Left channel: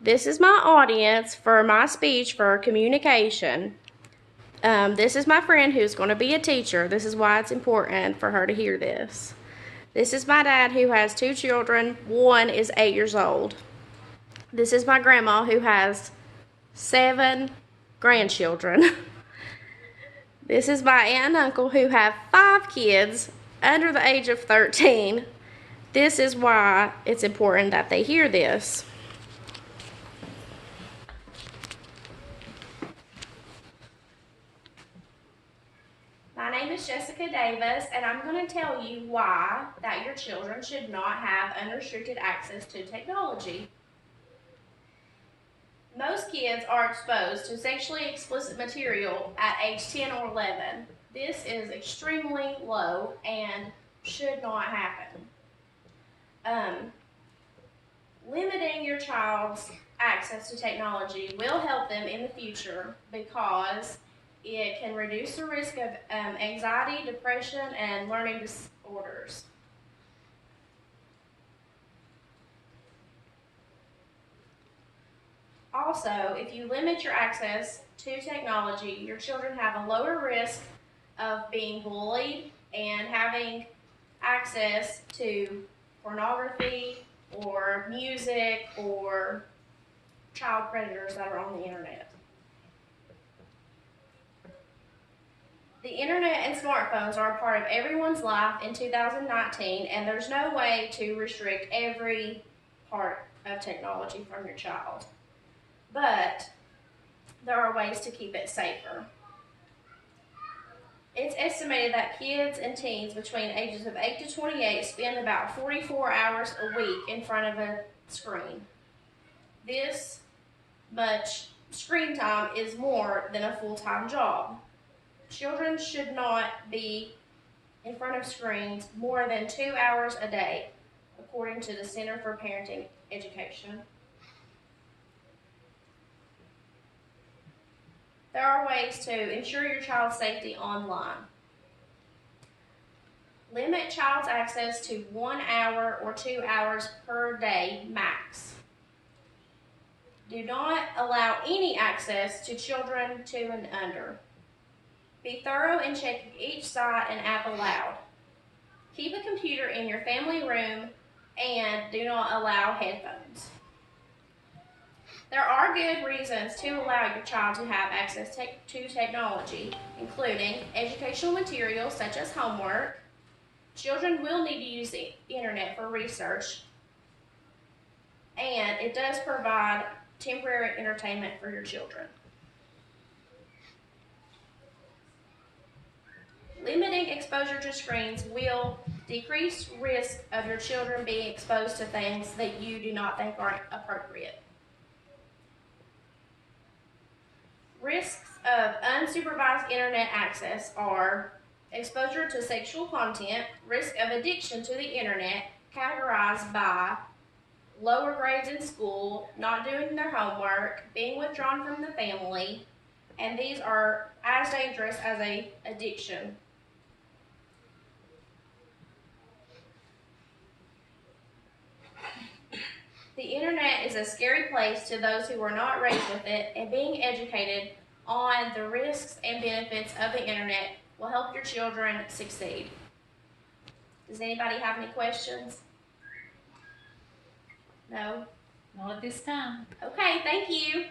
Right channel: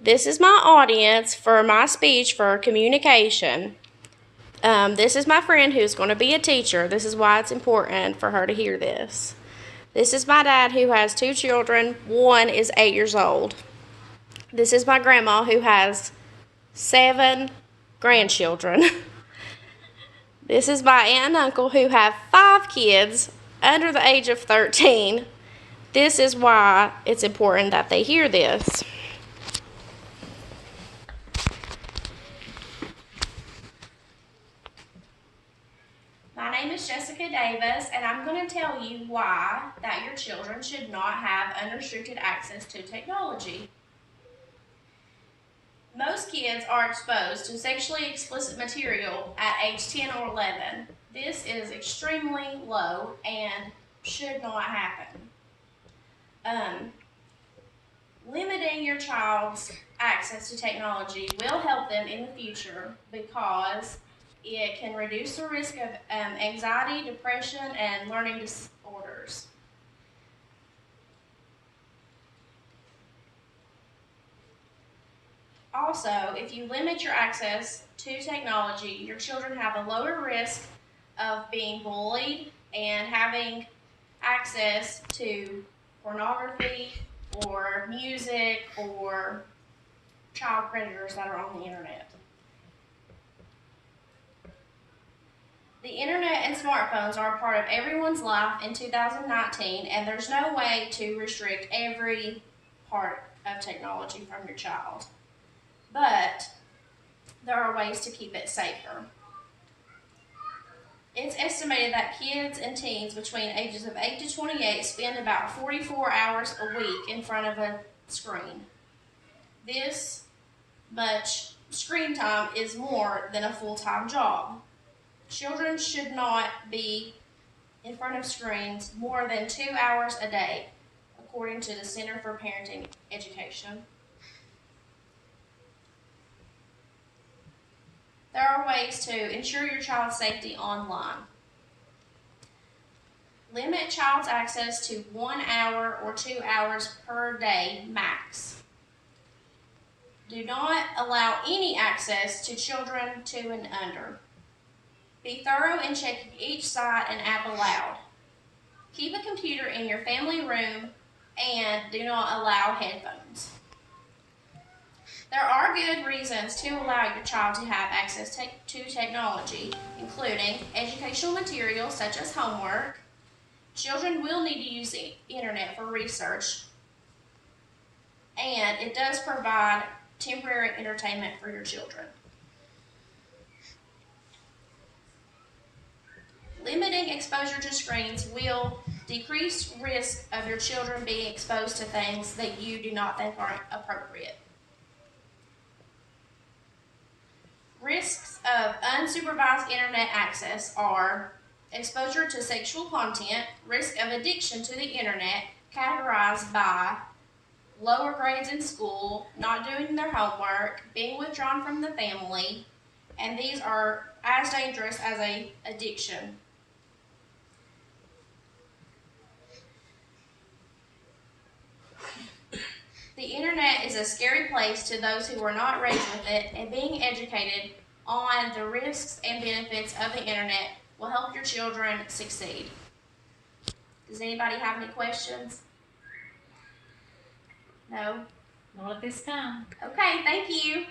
This is my audience for my speech for communication. This is my friend who's going to be a teacher. This is why it's important for her to hear this. This is my dad who has 2 children. One is 8 years old. This is my grandma who has 7 grandchildren. This is my aunt and uncle who have 5 kids under the age of 13. This is why it's important that they hear this. My name is Jessica Davis, and I'm going to tell you why that your children should not have unrestricted access to technology. Most kids are exposed to sexually explicit material at age 10 or 11. This is extremely low and should not happen. Limiting your child's access to technology will help them in the future because it can reduce the risk of anxiety, depression, and learning disorders. Also, if you limit your access to technology, your children have a lower risk of being bullied and having access to pornography or music or child predators that are on the internet. The internet and smartphones are a part of everyone's life in 2019, and there's no way to restrict every part of technology from your child. But there are ways to keep it safer. It's estimated that kids and teens between ages of 8 to 28 spend about 44 hours a week in front of a screen. This much screen time is more than a full-time job. Children should not be in front of screens more than 2 hours a day, according to the Center for Parenting Education. There are ways to ensure your child's safety online. Limit child's access to 1 hour or 2 hours per day max. Do not allow any access to children 2 and under. Be thorough in checking each site and app aloud. Keep a computer in your family room and do not allow headphones. There are good reasons to allow your child to have access to technology, including educational materials such as homework. Children will need to use the internet for research, and it does provide temporary entertainment for your children. Limiting exposure to screens will decrease risk of your children being exposed to things that you do not think are appropriate. Risks of unsupervised internet access are exposure to sexual content, risk of addiction to the internet, categorized by lower grades in school, not doing their homework, being withdrawn from the family, and these are as dangerous as an addiction. The internet is a scary place to those who are not raised with it, and being educated on the risks and benefits of the internet will help your children succeed. Does anybody have any questions? No? Not at this time. Okay, thank you.